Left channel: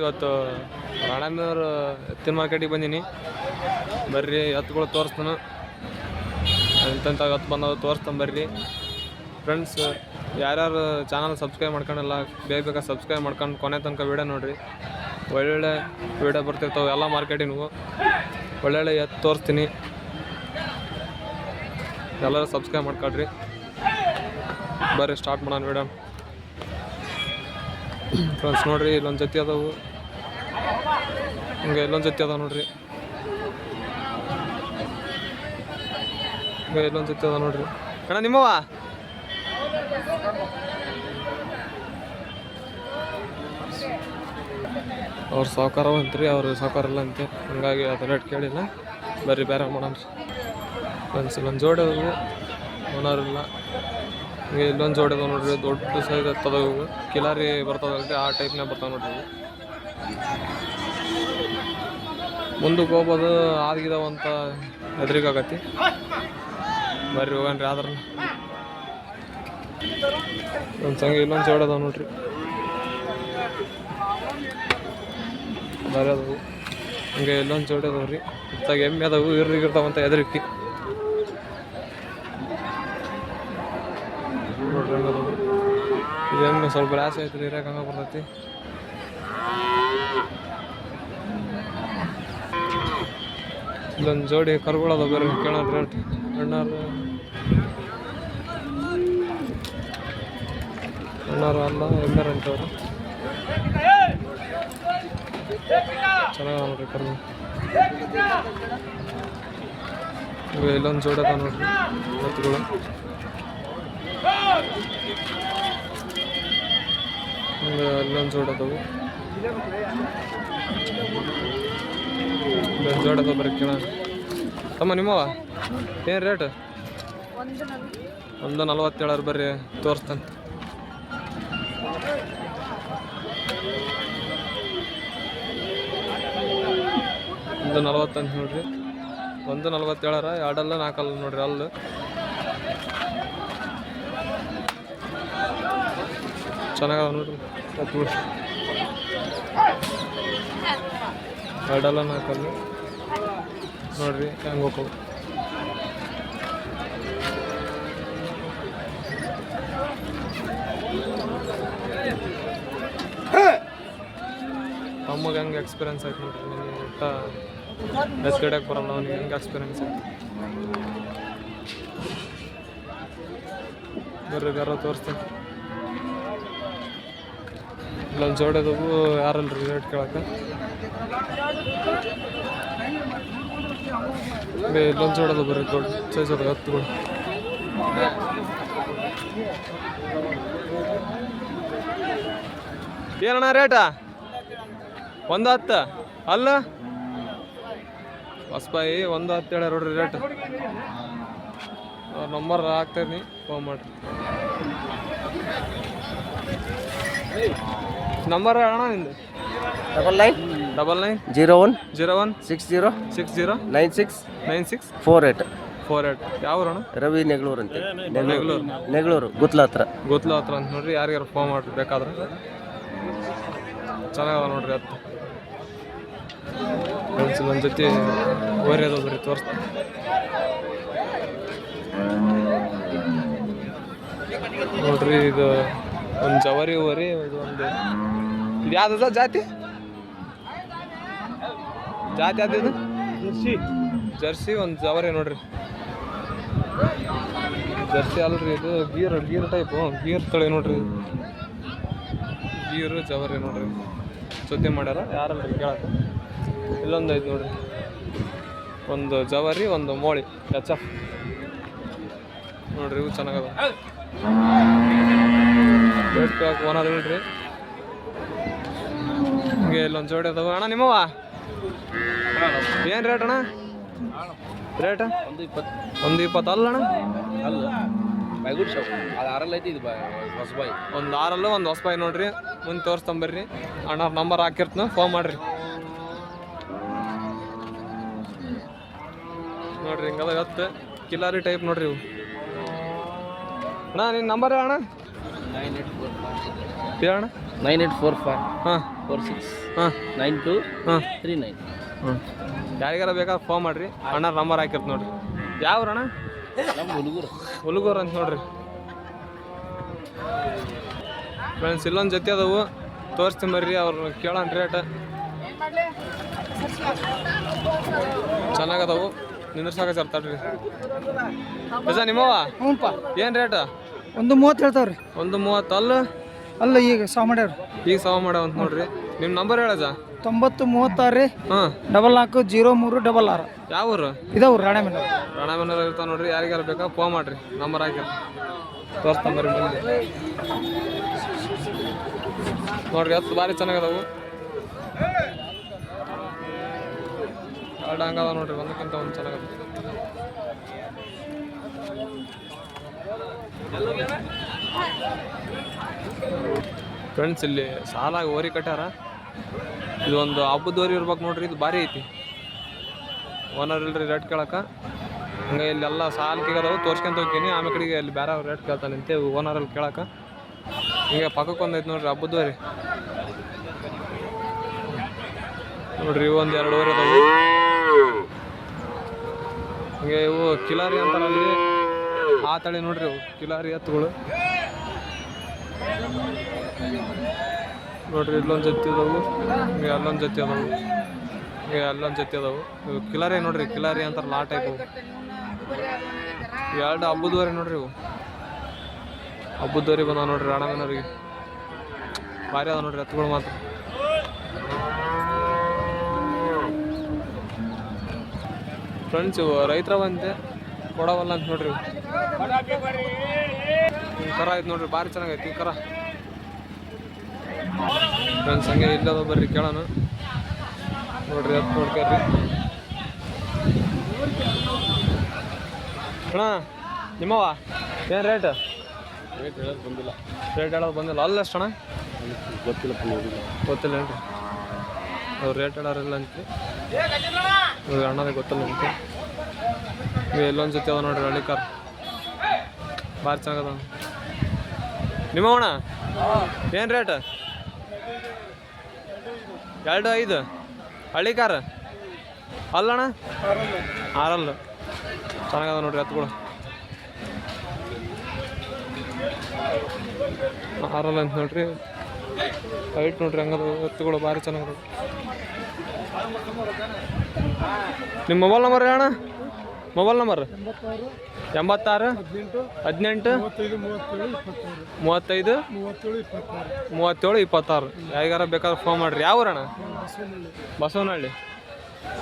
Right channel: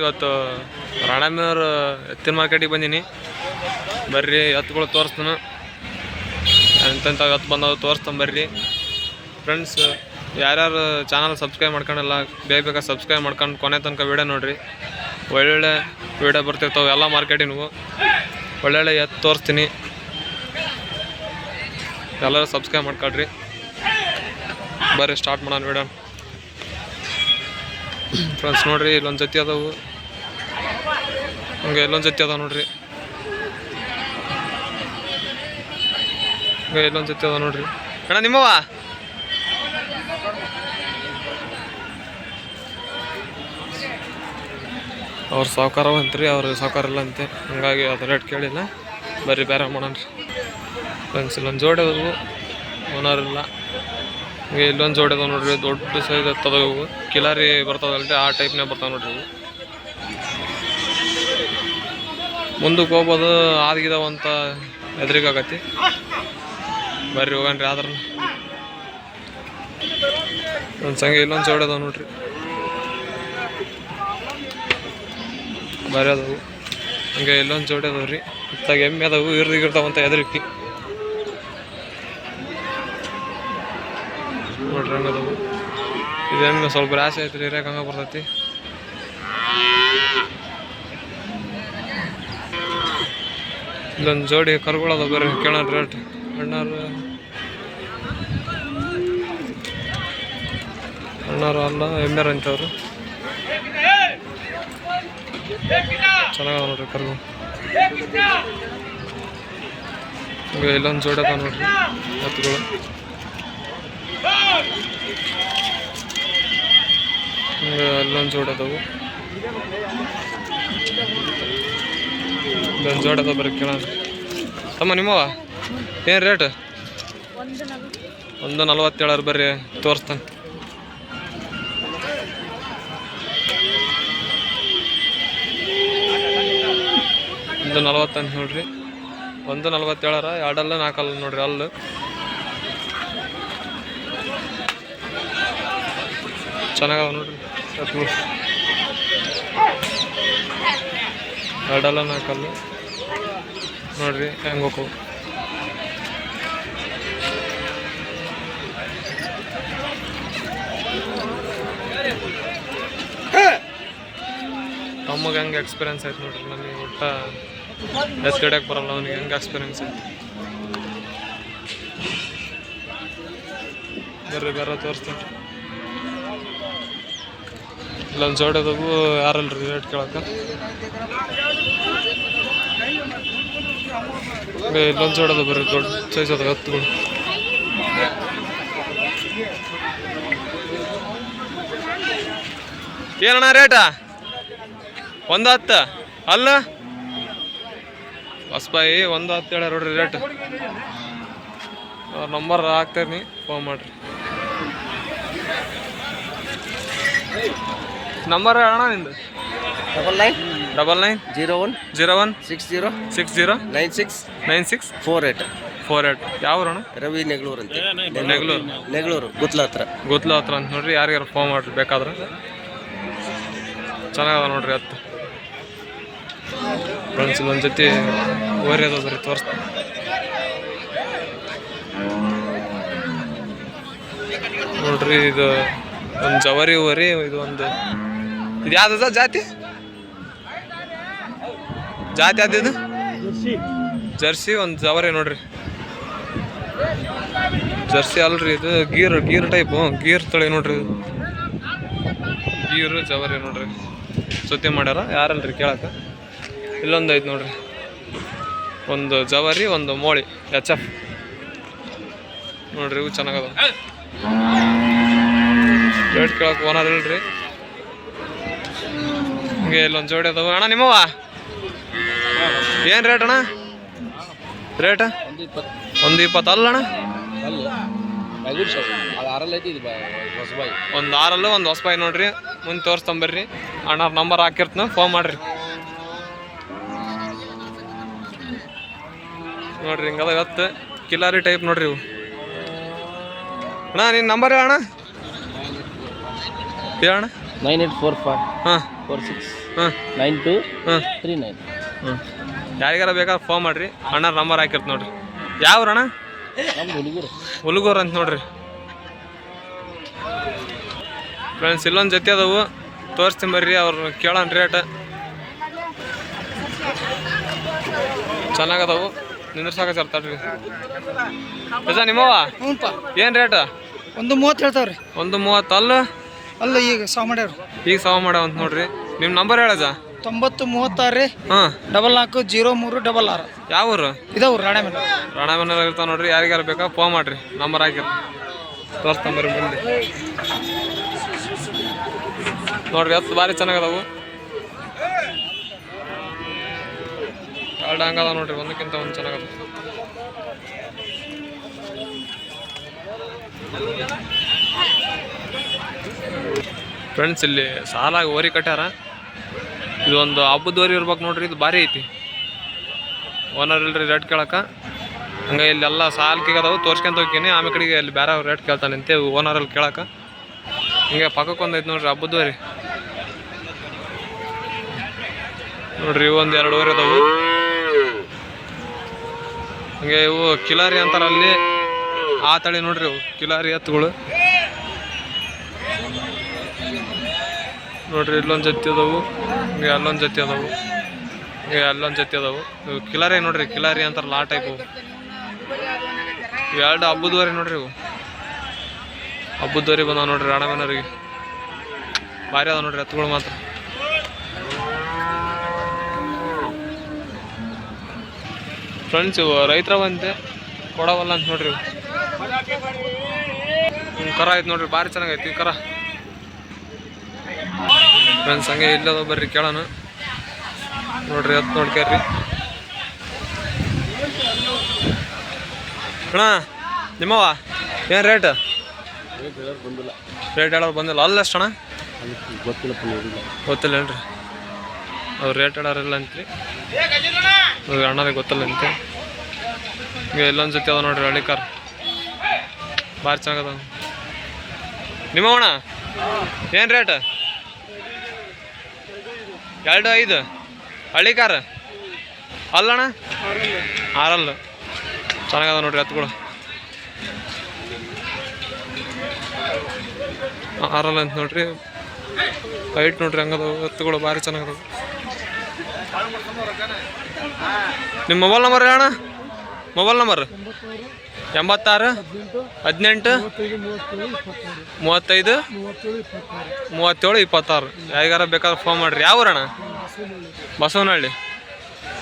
ಇವತ್ತು ರಾಣಮ್ಮನವ್ರ ಎತ್ತಿನ ಮಾರ್ಕೆಟಿಗೆ ಬಂದೀನಿ. ಬರ್ರಿ ಎತ್ತುಗಳು ತೋರಿಸ್ತಾನು, ಎಂತೆಂಥ ಎತ್ತು ಬಂದವು ತೋರಿಸ್ತಾನೆ ಬರ್ರಿ ಫ್ರೆಂಡ್ಸ್. ಯಾರ್ಯಾರು ಚಾನಲ್ ಸಬ್ಸ್ಕ್ರೈಬ್ ಮಾಡ್ಕೊಂಡಿಲ್ಲ ಬೇಗ ಸಬ್ಸ್ಕ್ರೈಬ್ ಮಾಡ್ಕೊಂಡು ಕೊನೆ ತನಕ ವೀಡಿಯೋ ನೋಡಿರಿ. ಒಳ್ಳೊಳ್ಳೆ ವೀಡಿಯೋ ಬರ್ತಿರ್ತಾವೆ ಎಲ್ಲ ಮಾರ್ಕೆಟಿನೂ. ಒಳ್ಳೊಳ್ಳೆ ಎತ್ತು ತೋರಿಸ್ತೀನಿ, ಎಲ್ಲರೂ ಸಬ್ಸ್ಕ್ರೈಬ್ ಮಾಡ್ಕೊಳ್ರಿ. ಬರ್ರಿ ಸ್ಟಾರ್ಟ್ ಮಾಡೋಣ ವೀಡಿಯೋ ಫ್ರೆಂಡ್ಸ್. ನೋಡಿರಿ ಇಲ್ಲೊಂದು ಜೊತೆ ಅದಾವು, ಹಂಗೆ ಇಲ್ಲೊಂದು ಜೊತೆ ಅದಾವ ನೋಡ್ರಿ, ಹಂಗೆ ಇಲ್ಲೊಂದು ಜೊತೆ ಅದಾವ ನೋಡ್ರಿ. ಅಣ್ಣ ನಿಮ್ಮವ ಅವ್ರು ಸಾವುಕಾರ ಅಂತ್ರಿ, ಅವ್ರು ಸಾವುಕಾರ ಇಲ್ಲ ಅಂತೆ, ಹಂಗಾಗಿ ಅದು ರೇಟ್ ಕೇಳಿಲ್ಲ. ಬರ್ರಿ ಬೇರೆ ಮಾಡೋಣ ರೀ ಫ್ರೆಂಡ್ಸ್. ಇಲ್ಲೊಂದು ಜೋಡಿ ಅದಾವು, ಓನರ್ ಇಲ್ಲ. ಹಂಗೆ ಇಲ್ಲೊಂದು ಜೋಡಿ ಅದಾವ ನೋಡ್ರಿ, ದೊಡ್ಡ ಸೈಜ್ ಎತ್ತದ ಇವು, ಕಿಲಾರಿ ಬರ್ತದಲ್ರಿ ಆ ಟೈಪ್ನಾಗ ಬರ್ತಾವೆ ನೋಡ್ರಿ ಇವು. ಮುಂದಕ್ಕೆ ಹೋಗ್ಬೋದು ಆದ್ಗಿದಾವಂತ ಎದುರಿಗಾಗತ್ತಿ. ಬರ್ರಿ ಹೋಗನ್ರಿ ಆದ್ರೆ ಒಂದು ಸಂಗೆ ಇಲ್ಲೊಂದು ಜೋಡಿ ಅದಾವ ನೋಡ್ರಿ, ಬರೀ ಅದಾವು. ಹಂಗೆ ಇಲ್ಲೊಂದು ಜೋಡಿ ಅದಾವ್ರಿ, ಇತ್ತಾಗ ಎಮ್ಮೆ ಅದಾವು ಇರ್ದಿಗಿರ್ತಾವಂತ ಎದುರಿಕಿ ನೋಡ್ರಿ. ಹಂಗದವು ಇದು ಎಮ್ಮೆ ಸ್ವಲ್ಪ ರಾಶಿ ಐತ್ರಿ, ಇರ್ಯಾಕೆ ಹಂಗೆ ಬರ್ತೈತಿ. ಇಲ್ಲೊಂದು ಜೋಡಿ ಕರುಗಳದ ಬರ್ರಿ ಕೇಳೋಣ ರೇಟ್. ಅಣ್ಣಾರು ಅಲ್ಲ ಎಮ್ಮೆರ ಅಂತವ್ರು, ಚೆನ್ನಾಗದ ನೋಡ್ರಿ ಕರು. ಹಂಗೆ ಇಲ್ಲೊಂದು ಜೋಡಿ ಅದಾವ ನೋಡ್ರಿ ಎತ್ತುಗಳು. ಹಂಗೆ ಅಲ್ಲೊಂದು ಜೋಡಿ ಅದಾವು, ಇಲ್ಲೊಂದು ಜೋಡಿ ಅದಾವ ಬರ್ರಿ ಕೇಳೋಣ. ತಮ್ಮ ನಿಮ್ಮವ ಏನು ರೇಟ್? 140 ಬರ್ರಿ ತೋರಿಸ್ತಾನೆ. 140 ಅಂತ ನೋಡ್ರಿ, 147 ಎರಡಲ್ಲ 4 ನೋಡ್ರಿ. ಅಲ್ಲು ಚೆನ್ನಾಗವ ನೋಡ್ರಿ ಎತ್ತುಗಳು, ಎರಡಲ್ಲ 4 ನೋಡ್ರಿ ಹೆಂಗೆ ಹೋಗವು. ತಮ್ಮಗೆ ಹೆಂಗೆ ಎಕ್ಸ್ಪೀರಿಯನ್ಸ್ ಆಯ್ತು ನೋಡ್ರಿ, ನನಗೆ ಒಟ್ಟ ಎತ್ತು ಹಿಡಿಯಕ್ಕೆ ಬರಲ್ಲ, ಅವನಿಗೆ ಹೆಂಗೆ ಎಕ್ಸ್ಪೀರಿಯನ್ಸ್ ಆಯ್ತು. ಬರ್ರಿ ಬೇರೆ ತೋರಿಸ್ತೇನೆ. ಇಲ್ಲೊಂದು ಜೋಡಿ ಅದಾವು, ಯಾರಲ್ರಿ ರೇಟ್ ಕೇಳಕ್ಕೆ. ಇಲ್ಲೊಂದು ಜೋಡಿ ಅದಾವ ಬರ್ರಿ, ದೊಡ್ಡ ಸೈಜ್ ಅದಾವ ಎತ್ತುಗಳು. ಏನಣ್ಣ ರೇಟಾ? 110 ಅಲ್ಲ ಹೊಸಬಾಯಿ 110 ಹೇಳ್ಯಾರ ನೋಡ್ರಿ ರೇಟ್. ಅವ್ರ ನಂಬರ್ ಹಾಕ್ತೇನೆ, ಫೋನ್ ಮಾಡ್ರಿ. ನಂಬರ್ ಅಣ್ಣ ನಿಂದು? 999901609648. ಯಾವ ಅಣ್ಣ? ರವಿ ನೆಗಳೂರು ಅಂತ. ನೆಗಳೂರು ಗುತ್ಲ ಹತ್ರ ಅಂತ ನೋಡ್ರಿ. ಯಾರಿಗಾರು ಫೋನ್ ಮಾಡ್ರಿ ಬೇಕಾದ್ರೆ. ಚೆನ್ನಾಗದ ನೋಡ್ರಿ ಎತ್ತು ಫ್ರೆಂಡ್ಸ್. ಒಂದು ಜೊತೆ ಓರಿ ಅದ ಬರ್ರಿ ತೋರಿಸ್ತೀನಿ. ನೋಡ್ರಿ ಇದು ಒಂದು ಜವರಿ ಓರಿ, ಇದು ಯಾವ್ದದ ಜಾತಿ ಯಾವ್ದು? ಜರ್ಸಿ. ಒಂದು ಜವರಿ ನೋಡ್ರಿ, ಜರ್ಸಿ ಅಲ್ರಿ ಇದು, ಗೀರ್ ಟೈಪು, ಗೀರ್ ತಳಿ ನೋಡ್ರಿ ಇದು. ಗೀರು ಜವರಿ ನೋಡ್ರಿ, ಸುದ್ದಿ ಮಾಡ್ಯಾರ ಯಾರಲ್ರಿ ಕೇಳಕ್ಕೆ. ಇಲ್ಲೊಂದು ಐತೆ ನೋಡ್ರಿ, ಒಂದು ಜವರಿ ಒಂದು ಮೋಳಿ HF ನೋಡ್ರಿ. ಇವು ಚೆನ್ನಾಗದ, ರೇಟ್ ಕೇಳಕ್ಕೆ ಓನರ್ ಇಲ್ರಿ. ಹಿಂಗೆ ಇಲ್ಲೊಂದು ಜೋಡಿ ಅದಾವ. ಅಣ್ಣ ನಿಮ್ಮವ ಏನು ರೇಟ್ ಅಣ್ಣ? ರೇಟ 120 ಅಲ್ಲ ಅಣ್ಣ? ಒಂದು 6 ಒಂದು ಹೊಸಬಾಯಿ ನೋಡ್ರಿ. ಮುಂದೆ ತೋರಿಸ್ತಂಬರ್ರಿ, ಅಣ್ಣ ನಂಬರ್ ಹಾಕಿರ್ತನ, ಫೋನ್ ಮಾಡ್ರಿ. ನೋಡ್ರಿ ಹಿಂಗದ ಇವತ್ತು ಕಿಲಾರಿ ಟೈಪ್ ನೋಡ್ರಿ ಇವು. ಅಣ್ಣ ನಿನ್ನ ನಂಬರ್ ಹೇಳಣ್ಣ? ಹೇಳಣ್ಣ. 9845 ಹಾಂ 46 ಹಾಂ 9239. ಹ್ಞೂ ಯಾರಿಗಾರ ಬೇಕಾದ್ರೆ ಫೋನ್ ಮಾಡಿರಿ, ಅಣ್ಣ ನಂಬರ್ ಹಾಕಿರ್ತ ನೋಡ್ರಿ. ಯಾವ ಅಣ್ಣ? ಹುಲಗೂರು ಅಂತ ನೋಡ್ರಿ ಫ್ರೆಂಡ್ಸ್. ಇಲ್ಲೊಂದು ಜೊತೆ ಅದಾವು, ತೋರಿಸ್ತೀನಿ ಬರ್ರಿ, ಅವ್ರು ಕೇಳೋಣ ರೇಟ್. ಚೆನ್ನಾಗದವು, ನಿಂದ್ರಸಾಕ ತರ್ತಾಡ್ರಿ. ಅದ ನಿಮ್ಮವ ಏನು ರೇಟ್? 130 ಹೇಳ್ತಾವ್ರಿ. 130 ಅಲ್ಲ ಈಗ ಸಾವ ಮಾಡ್ಯಾವ್ರಿ. ಈಗ ಸಾವ ಮಾಡ್ಯಾವ ಅಂತ ನೋಡ್ರಿ. ನಿಮ್ಮ ನಂಬರ್ ಹೇಳಜ? 9036 ರೀ. ಹಾಂ 440366. ಯಾವ ಊರು? ಇದಾವ್ರಿ ರಾಣೆಮನೆ. ರಾಣೆಮನೆ ಇರ್ತಾವ ನೋಡ್ರಿ. ಯಾರಿಗಾರ ಬೇಕಾ ಫೋನ್ ಮಾಡಿರಿ, ನಂಬರ್ ಹಾಕಿರಿ, ತೋರಿಸ್ತಂಬರ್ರಿ ಬಂದು ನೋಡ್ರಿ. ಎತ್ತು ಭಾರಿ ಚೆನ್ನಾಗದವು, ಎರಡು ಹಂಗದ ನೋಡ್ರಿ, ಒಂದಕ್ಕಿಂತ ಒಂದು ಚೆನ್ನಾಗದ. ಫ್ರೆಂಡ್ಸ್ ಇಲ್ಲಿ ಸಾಲಾಗಿ ಓರಿ ಕಟ್ಟ್ಯಾರ. ಇದು ಒಂದು ಹಬ್ಬದ ಓರಿ ಇರ್ಬೇಕು ನೋಡ್ರಿ. ಇದು ಭಾರಿ ಐತಿ. ಓನರ್ ಇಲ್ರಿ ರೇಟ್ ಕೇಳಕ್ಕ. ಹಂಗೆ ಇಲ್ಲೆಲ್ಲ ಸಾಲ್ಕಿಗದವು, ತೋರ್ಸ್ಕೊಂತ ಹೋಗ್ತೀನಿ. ಆಮೇಲೆ ಕಡೆಗೆ ಅಲ್ಲಿ ಬೇರೆ ಅವ್ರು ರೇಟ್ ಕೇಳ್ತಾನಂತೆ ಓನರಲ್ಲಿ ಕೇಳಕ್ಕೆ. ಹಿಂಗೆ ಪಕ್ಕಕ್ಕೆ ಒಂದೈತೆ ನೋಡ್ರಿ ಹಬ್ಬದ ಓರಿ ನೋಡ್ರಿ. ಇವು ಒಂದು 2 ಓರಿ ಅದಾವು. ಹಂಗೆ ಇವು ಕಿಲಾರಿ ಅಂತಾರಲ್ಲಿ, ಆ ತಳಿ ನೋಡ್ರಿ. ಇವು ಕಿಲಾರಿ ಎತ್ತುಗಳು ನೋಡ್ರಿ. ಇಲ್ಲೊಂದು ಜೊತೆ ಅದಾವು, ಹಿಂಗೆ ಅಲ್ಲೊಂದು ಜೊತೆ ಅದಾವು, ಹಿಂಗೆ ಅಲ್ಲೊಂದು ಜೊತೆ ಅದಾವು. ಇವು ಕಿಲಾರಿ ನೋಡ್ರಿ, ಕಿಲಾರಿ ಅಂತಾರಲ್ಲ ಆ ಟೈಪ್. ಅವು ಎರಡು ಹಬ್ಬದವರೆ ನೋಡ್ರಿ. ಇವು ಹಬ್ಬದವರೆ ಬಂದಾವ ನೋಡ್ರಿ ರಾಣೆಮನೆಯವ್ರಿಗೆ. ಭಾರಿ ಅದಾವ ನೋಡ್ರಿ ಎತ್ತುಗಳು ಮಾತ್ರ. ಫ್ರೆಂಡ್ಸ್ ಇವು ರೈತರ ಬಂತೆ ಕೊಡವಲ್ಲ ಅಂತ ನೋಡ್ರಿ. ಇವು ಕರ ಐತೆ ನೋಡ್ರಿ, ಭಾರಿ ಚೆನ್ನಾಗೈತಿ ಕರ. ಫ್ರೆಂಡ್ಸ್ ಹಂಗೆ ಇಲ್ಲದ ಬರ್ರಿ ಕೇಳೋಣ ನೋಡ್ರಿ. ಎತ್ತು ನೋಡ್ಕ್ಯಾರ್ರಿ ಅಣ್ಣ. ನಿಮ್ಮವ ಏನು ರೇಟ್? ರೇಟ್ ಹೇಳೋದು ಬಂದಿಲ್ಲ. ಅಲ್ಲ ಎಷ್ಟು ಅಣ್ಣ? ಗೊತ್ತಿಲ್ಲ ಏನ್ರಿ ಅವ್ರು ರೇಟ್ ಹೇಳೋರಿಲ್ಲ ಅಂತ್ರಿ. ಅಣ್ಣರಿಗೆ ಗೊತ್ತಿಲ್ಲ ಅಂತೆ. ಈಗ ಇಲ್ಲೊಂದು ಜೊತೆ ಅದ ನೋಡ್ರಿ ಹಳ್ಳಿ ಕಾರ್, ಭಾರಿ ಚೆನ್ನಾಗದ. ನಿಮ್ಮವಣ ಏನು ರೇಟ್? 2.5 ಹಳ್ಳಿ ಕಾರ್ ಅಲ್ಲಣ್ಣ? 6 ಚೆನ್ನಾಗದ ನೋಡ್ರಿ ಎತ್ತುಗಳು. 6 ಅಂತ ನೋಡ್ರಿ. ಹೈಟ್ ನೋಡ್ರಿ ಹಂಗದ ಎತ್ತುಗಳು, ಭಾರಿ ಚೆನ್ನಾಗದ. ನಿಮ್ಮ ಮೊಬೈಲ್ ನಂಬರ್ ಹೇಳಣ್ಣ? Mobile number 86 18 35 37 26. ಯಾರಿಗಾರ ಬೇಕಾದ್ರೆ ಫೋನ್ ಮಾಡಿರಿ. ಯಾವ ಊರಣ್ಣ? ಬಸವನಹಳ್ಳಿ.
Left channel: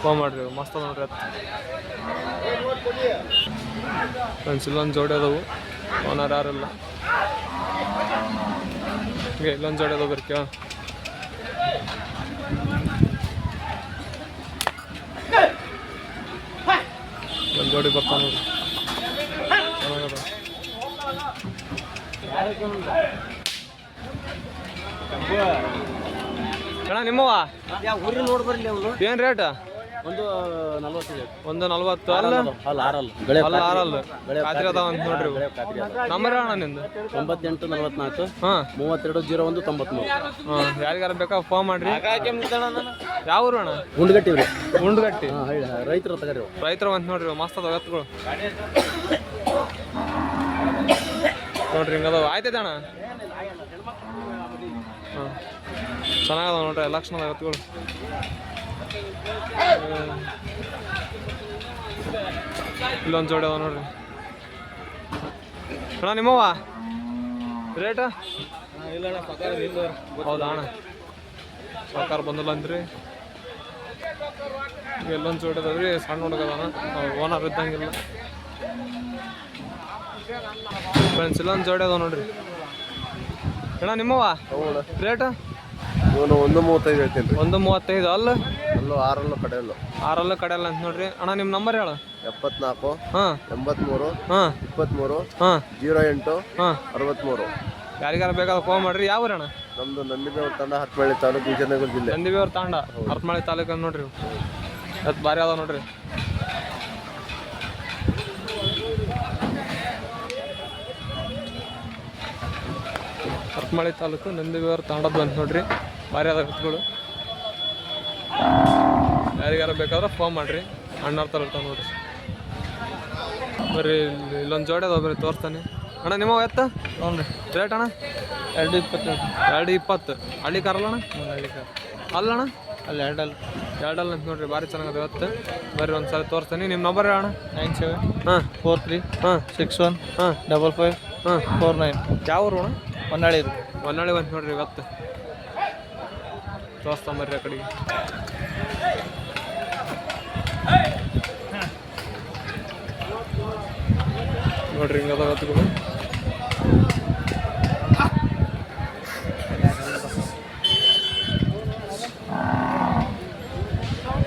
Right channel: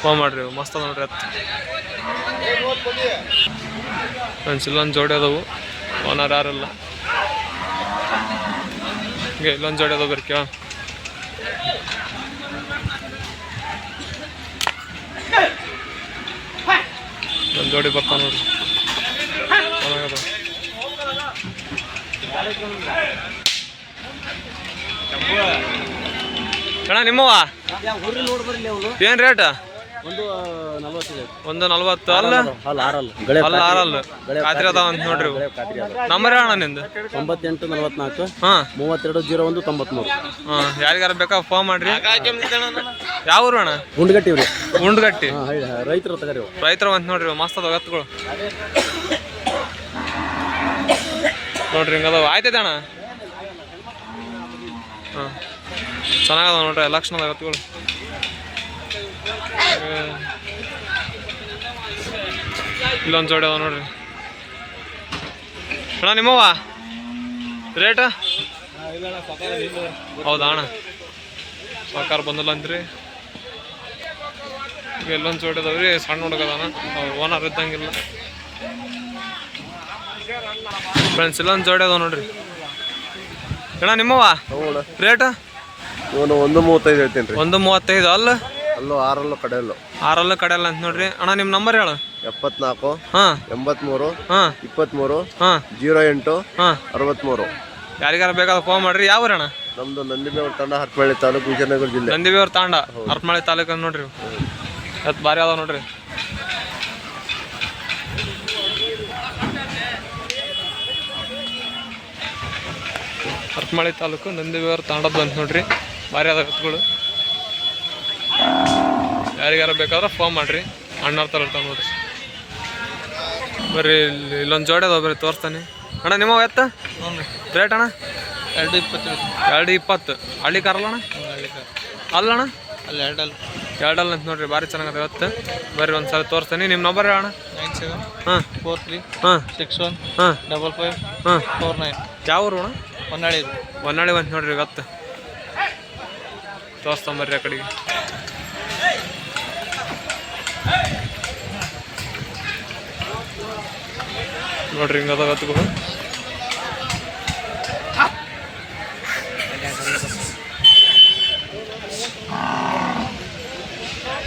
ಫೋನ್ ಮಾಡಿರಿ, ಮಸ್ತ್ ಅದ ನೋಡ್ರಿ ಎತ್ತು. ಫ್ರೆಂಡ್ಸ್ ಇಲ್ಲೊಂದು ಜೋಡಿ ಅದಾವು, ಓನರ್ ಯಾರಿಲ್ಲ. ಹಿಂಗೆ ಇಲ್ಲೊಂದು ಜೋಡಿ ಅದಾವ ಬರ್ರಿ ಕೇಳ. ಒಂದು ಜೋಡಿ ಬರ್ತಾವ ನೋಡ್ರಿ, ಚೆನ್ನಾಗದ. ಅಣ್ಣ ನಿಮ್ಮವ ಏನು ರೇಟ್? 140 ಅಲ್ಲ? ಅಲ್ಲ 6 ಖಾತ್ರಿ ಅದಾವ ಅಂತ ನೋಡ್ರಿ. ನಂಬರ್ ಹೇಳಣ್ಣ ನಿಂದು? 9844 ಹಾಂ 3201 93. ಹಾಂ ಯಾರಿಗಾರ ಬೇಕಾ ಫೋನ್ ಮಾಡ್ರಿ. ಯಾವ ಊರು ಅಣ್ಣ? ಉಂಡ್ಗಟ್ಟಿ. ರೈತರು ಅಂತ ನೋಡ್ರಿ, ಮಸ್ತ್ ಅದಾವ ಎತ್ತುಗಳು ನೋಡ್ರಿ. ಹಿಂಗದಾವ. ಆಯ್ತೈತೆ ಅಣ್ಣ? ಹಾಂ ಚೆನ್ನಾಗದ ನೋಡ್ರಿ, ಲಕ್ಷಣದ ಎತ್ತುಗಳು. ಇಲ್ಲೊಂದು ಜೋಡಿ ಅದಾವ ನೋಡ್ರಿ. ಅಣ್ಣ ನಿಮ್ಮವ ರೇಟ? ಹೌದಾ ಅಣ್ಣ? ಸರ್ಕಾರ ಬಂದಿಲ್ಲ ಅಂದ್ರಿ. ಈಗ ಎಲ್ಲೊಂದು ಜೋಡಿ ಅದಾವ್ರಿ, ಸಣ್ಣ ಹುಡುಗದಾನ, ಓನರ್ ಇದ್ದಂಗಿಲ್ಲ. ಫ್ರೆಂಡ್ಸ್ ಇಲ್ಲೊಂದು ಜೋಡಿ ಅದಾವ ನೋಡ್ರಿ. ಅಣ್ಣ ನಿಮ್ಮವ ರೇಟ? 135 ಹೇಳ್ತೀನಿ. 135 ಅಲ್ಲ? 6 ಕಡೆಯಲ್ಲ ಅಂತ ನೋಡ್ರಿ. ಅಣ್ಣ ನಿಮ್ಮ ನಂಬರ್ ಹೇಳು? 74 ಹಾಂ 83 ಹಾಂ 23 ಹಾಂ 08 ಹಾಂ 63. ಯಾರಿಗಾರ ಬೇಕಾದ್ರೆ ಫೋನ್ ಮಾಡ್ರಿ. ಯಾವ ಊರಣ್ಣ? ನಮ್ದು ನಂದಿಬೇವ್ರ ತಾಂಡ, ಹರಪನಹಳ್ಳಿ ತಾಲೂಕು, ವಿಜಯನಗರ ಜಿಲ್ಲೆ. ನಂದಿಬೇವ್ರ ತಾಂಡ, ಹರಪನಹಳ್ಳಿ ತಾಲೂಕು ನೋಡ್ರಿ. ಎತ್ತು ಭಾರಿ ಅದಾವ ನೋಡ್ರಿ. ಹರಪನಹಳ್ಳಿ ತಾಲೂಕು, ನಂದಿಬೇವ್ರ ತಾಂಡದ್ದು ಅಂತ ನೋಡ್ರಿ. ಭಾರಿ ಅದಾವ ಎತ್ತುಗಳು. ಯಾರಿಗಾರ ಬೇಕಾದ್ರೆ ಫೋನ್ ಮಾಡಿರಿ, ಅಣ್ಣವ್ರ ಥರ ಇರ್ತಾವೆ ನೋಡಿರಿ. ಬರ್ರಿ ಇಲ್ಲೊಂದು ಜೋಡಿ ಅದಾವ, ಬರ್ರಿ ತೋರಿಸ್ತಾನೆ. ಅಣ್ಣ ನಿಮ್ಮ ಎತ್ತ ರೇಟ್ ಅಣ್ಣ? 220. 220. ಹಳ್ಳಿ ಕಾರಲ್ಲ ಅಣ್ಣ? ಅಲ್ಲಣ್ಣ ಅಲ್ಲಿ ಎರಡಲ್ಲ ಅಂತ ನೋಡ್ರಿ, ಭಾರಿ ಚೆನ್ನಾಗದ ಇವತ್ತು. ಬರ್ರಿ ಒಂದು ಸಲ ತೋರಿಸ್ತೀನಿ. ನಿಮ್ಮ ನಂಬರ್ ಹೇಳಣ್ಣ? 9743 61 55 49. ಯಾವ ಊರು ಅಣ್ಣ? ಹೊನ್ನಾಳಿ ಬಂತು ನೋಡ್ರಿ ಇವತ್ತು. ತೋರಿಸ್ಕೊಂಬರ್ರಿ ಆ ಕಡೆಗೆ. ನೋಡ್ರಿ ಹಿಂಗದ ಎತ್ತುಗಳು.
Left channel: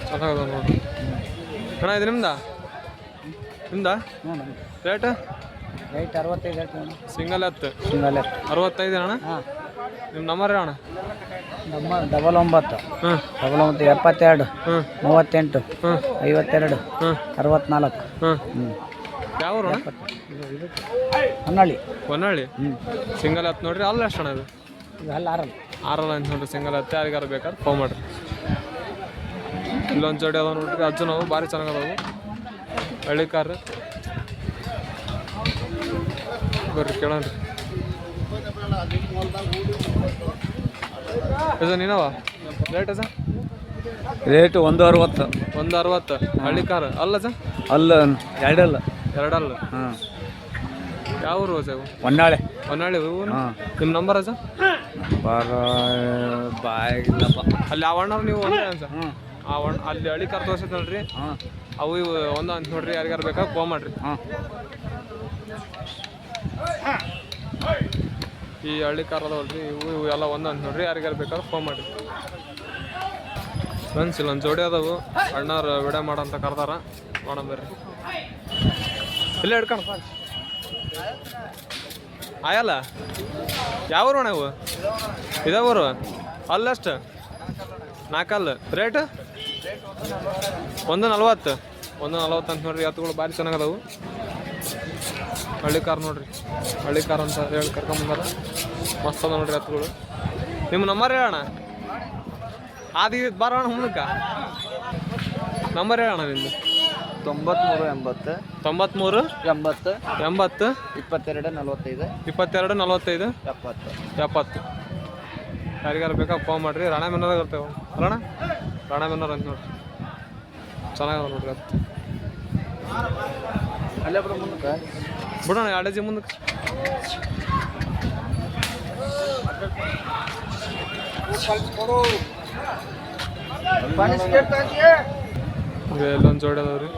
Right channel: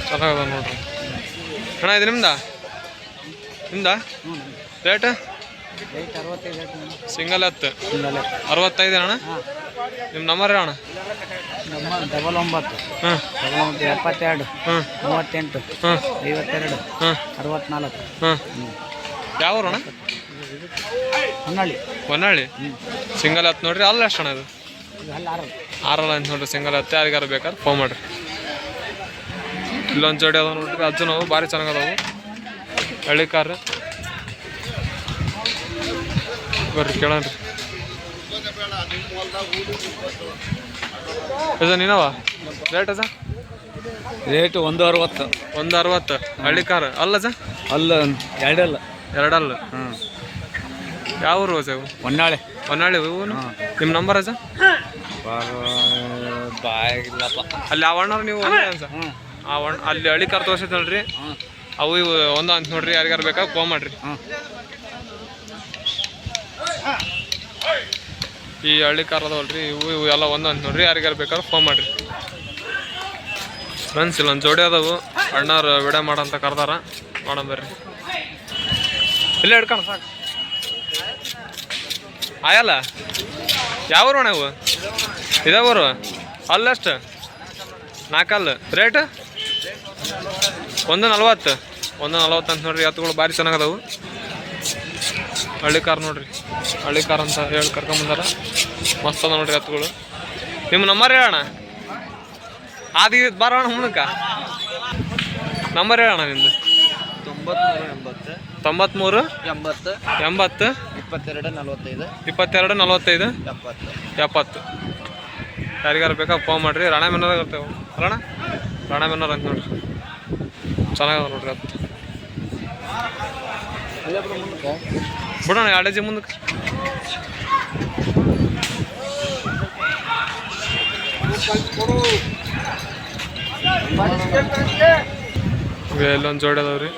ಚೆನ್ನಾಗದ ನೋಡ್ರಿ ಅಣ್ಣ. ಇದು ನಿಮ್ದ ರೇಟ್? 65. ಸಿಂಗಲ್ ಎತ್ತು 65 ಅಣ್ಣ. ನಿಮ್ಮ ನಂಬರ್ ಅಣ್ಣ? 99 ಹಾಂ 72 ಹಾಂ 38 ಹಾಂ 52 ಹಾಂ 64. ಹಾಂ. ಯಾವ ಊರು ಅಣ್ಣ? ಹೊನ್ನಾಳಿ. ಸಿಂಗಲ್ ಎತ್ತು ನೋಡ್ರಿ. ಅಲ್ಲ ಎಷ್ಟು ಅಣ್ಣ ಇದು? ಆರಲ್ಲ ಅಂತ ನೋಡ್ರಿ. ಸಿಂಗಲ್ ಎತ್ತು ಯಾರಿಗಾರ ಬೇಕಾದ್ರೆ ಫೋನ್ ಮಾಡಿರಿ. ಇಲ್ಲೊಂದು ಜೋಡಿ ಅದಾವ ನೋಡ್ರಿ, ಅಜ್ಜು ನಾವು ಭಾರಿ ಚೆನ್ನಾಗದಾವು ಹಳ್ಳಿ ಕಾರ್. ಬರ್ರಿ ಕೇಳನ್ರಿ. ಅಜ್ಜ ನೀನವ ರೇಟ್ ಅಜ್ಜ? ರೇಟ್ 160. 160. ಹಳ್ಳಿ ಕಾರ್ ಅಲ್ಲ ಅಜ್ಜ? ಅಲ್ಲ ಎರಡಲ್ಲ. ಹಾಂ. ಯಾವ ಊರು ಅಜ್ಜ ಇವು? ಹೊನ್ನಾಳಿ ಇವು. ನಿಮ್ಮ ನಂಬರ್ ಅಜ್ಜ? ಅಲ್ಲಿ ಆ ಅಣ್ಣವ್ರು ನೀವು ಅಜ್ಜ? ಅಲ್ಲಿ ಹಳ್ಳಿ ಕಾರ್ ತೋರಿಸಿದ್ನಲ್ರಿ, ಅವು ಇವು ಒಂದು ಅಂತ ನೋಡ್ರಿ. ಯಾರಿಗಾರು ಬೇಕಾದ್ರೆ ಫೋನ್ ಮಾಡಿರಿ. ಈ ಹಳ್ಳಿ ಕಾರ್ ಅದಾವಲ್ರಿ, ಇವು ಎಲ್ಲ ಒಂದು ಅಂತ ನೋಡ್ರಿ. ಯಾರಿಗಾರು ಬೇಕಾದ್ರೆ ಫೋನ್ ಮಾಡಿರಿ ಫ್ರೆಂಡ್ಸ್. ಇಲ್ಲೊಂದು ಜೋಡಿ ಅದಾವು, ಅಣ್ಣವ್ರು ವಿಡಿಯೋ ಮಾಡಂತ ಕರ್ದಾರ. ನೋಡಂಬರ್ರಿ. ಇಲ್ಲೇ ಹಿಡ್ಕೊಂಡು ಸಾಕು ಆಯಲ್ಲ. ಯಾವ ಊರು ಅಣ್ಣ ಇವು? ಇದೇ ಊರು? ಅಲ್ಲಷ್ಟು 4 ರೇಟ್? 140. 140 ಅಂತ ನೋಡ್ರಿ. ಎತ್ತುಗಳು ಭಾರಿ ಚೆನ್ನಾಗದಾವು. ಹಳ್ಳಿ ಕಾರ್ ನೋಡ್ರಿ, ಹಳ್ಳಿ ಕಾರ್ ಅಂತ ಹೇಳಿ ಕರ್ಕೊಂಬಂದಾರ. ಮಸ್ತ್ ಅದ ನೋಡ್ರಿ ಎತ್ತುಗಳು. ನಿಮ್ಮ ನಂಬರ್ ಹೇಳೋಣ? ಆದಿ ಬರೋಣ ಮುಂದಕ್ಕೆ. ನಂಬರ್ ಹೇಳೋಣ ನಿಂದು? 93 93 80 80 22 45 22 45 70. 70. ಯಾರಿಗಾರು ಬೇಕಾ ಫೋನ್ ಮಾಡಿರಿ. ರಾಣೆಬೆನ್ನೂರಾಗ ಇರ್ತೇವೆ ಅಲ್ಲಣ್ಣ? ರಾಣೆಬೆನ್ನೂರು ಅಂತ ನೋಡ್ರಿ. ಚೆನ್ನಾಗದ ನೋಡ್ರಿ ಅದು. ಅಲ್ಲೇ ಮುಂದಕ್ಕೆ ಬಿಡೋಣ 2 ಹೆಜ್ಜೆ ಮುಂದಕ್ಕೆ. ಇಲ್ಲೊಂದು ಜೋಡಿ ಅದಾವ್ರಿ.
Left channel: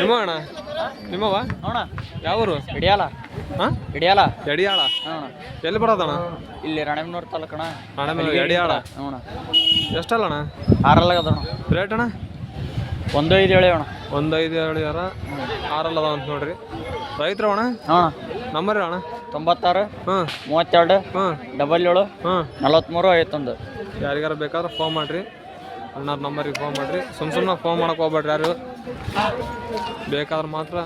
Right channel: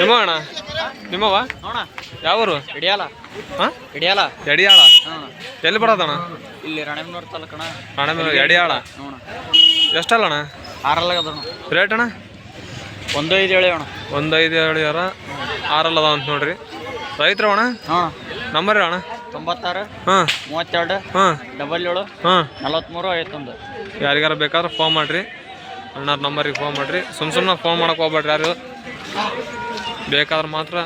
ನಿಮ್ಮ ಅಣ್ಣ? ನಿಮ್ಮವ ಯಾವ ಊರು? ಹಾಂ ಎಡಿಯಾಳ. ಎಲ್ಲಿ ಬರೋದಣ್ಣ? ಇಲ್ಲಿ ರಾಣೆಬೆನ್ನೂರು ತಾಲೂಕಣ. ರಾಣೆಬೆನ್ನೂರು ಎಡಿಯಾಳ. ಎಷ್ಟಲ್ಲಣ್ಣ? 6 ರೇಟ್ ಅಣ್ಣ? 15 ಹೇಳಿ ಅಣ್ಣ. 15 ಹೇಳ್ಯಾರ. 6 ಅದಾವ ಅಂತ ನೋಡ್ರಿ. ರೈತರ ಅಣ್ಣ? ನಂಬರ್ ಅಣ್ಣ? 96 ಹಾಂ 32 ಹಾಂ 77 ಹಾಂ 43 51. ಯಾರಿಗಾರ ಬೇಕಾದ್ರೆ ಫೋನ್ ಮಾಡಿರಿ. ಅಣ್ಣರ ನಂಬರಿಗೆ ಫೋನ್ ಮಾಡಿರಿ. ಸುಮ್ಮನೆ ಫೋನ್ ಮಾಡಕ್ಕೆ ಹೋಗ್ಬೇಡ್ರಿ ಯಾರು. ಬೇಕಾದ್ರೆ ಮಾತ್ರ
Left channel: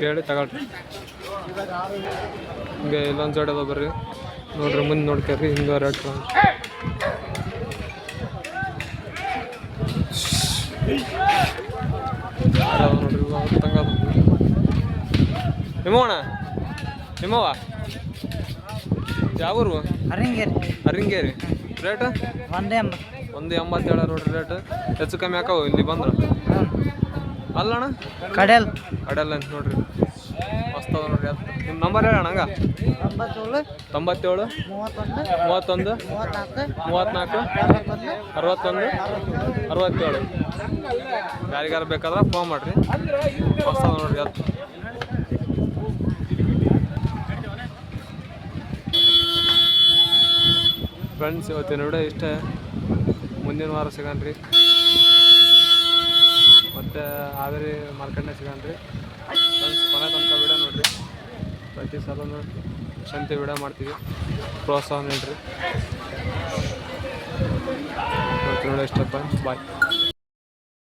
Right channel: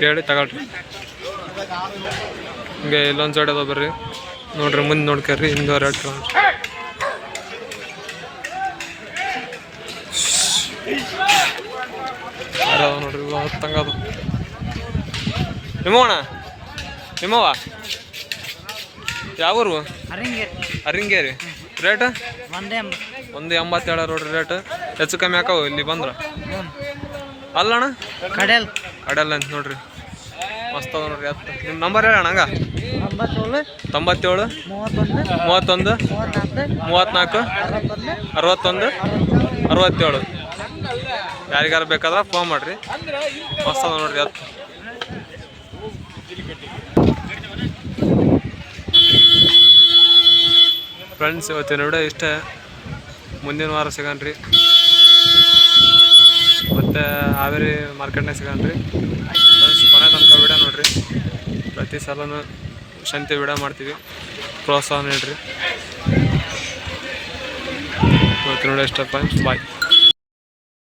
ಕೇಳಿ ತಗೊಳ್ರಿ. ಹಿಂಗೆ ಇಲ್ಲೊಂದು ಜೋಡಿ ಅದಾವ ಬರ್ರಿ ನೋಡ್ರಿ. ಮುಂದೆ ನೋಡ್ಕರ್ರಿ. ಹಿಂದೆ ರೇಟ್ ಅದಾವ ನೋಡ್ರಿ. ಹತ್ತಂಗದು. ನಿಮ್ಮವಣ್ಣ? ನಿಮ್ಮವ ಯಾವ ಊರು? ಹರಿಂಗೇರಿ. ರೇಟ್? 180 ಹೇಳ ನೋಡ್ರಿ ರೇಟ್. ಹೆಚ್ಚು ಕಮ್ಮಿ ಹಾಕವು ಇಲ್ಲಿ ಬಂದ್ರೆ. ಅಲ್ಲಣ್ಣ? ಕಡೆಯಲ್ಲ ಅಂತ ನೋಡ್ರಿ. ಮಸ್ತ್ ಅದ ನೋಡ್ರಿ ಅದು. ನಿಮ್ಮ ನಂಬರ್ ಹೇಳಣ್ಣ ಹಂಗ? 97 31 34 61 67. ಯಾರಿಗಾರ ಬೇಕಾದ್ರೆ ಫೋನ್ ಮಾಡಿರಿ. ಮಸ್ತ್ ಅದ ನೋಡ್ರಿ ಅದು. ಫ್ರೆಂಡ್ಸ್ ಇವತ್ತಿನ ವಿಡಿಯೋ ಇಷ್ಟೇ. ಮುಂದಿನ ವಾರ ಸಿಗೋಣ್ರಿ. ಮತ್ತು ಹಾವೇರಿ ಮಾರ್ಕೆಟ್ನಾಗ ಸಿಗೋಣ್ರಿ ಫ್ರೆಂಡ್ಸ್. ಕೊನೆ ತನಕ ವಿಡಿಯೋ ನೋಡಿರಿ. ಪ್ರತಿ ಸಲನೂ ಶಾಂತಿ ವಿಡಿಯೋ ಮಾಡ್ತೀವಿ. ಪ್ರೋತ್ಸಾಹ ನೀಡಿರಿ. ಇವತ್ತಿನ ವಿಡಿಯೋ ಇಷ್ಟ ಫ್ರೆಂಡ್ಸ್. ಬಾಯ್.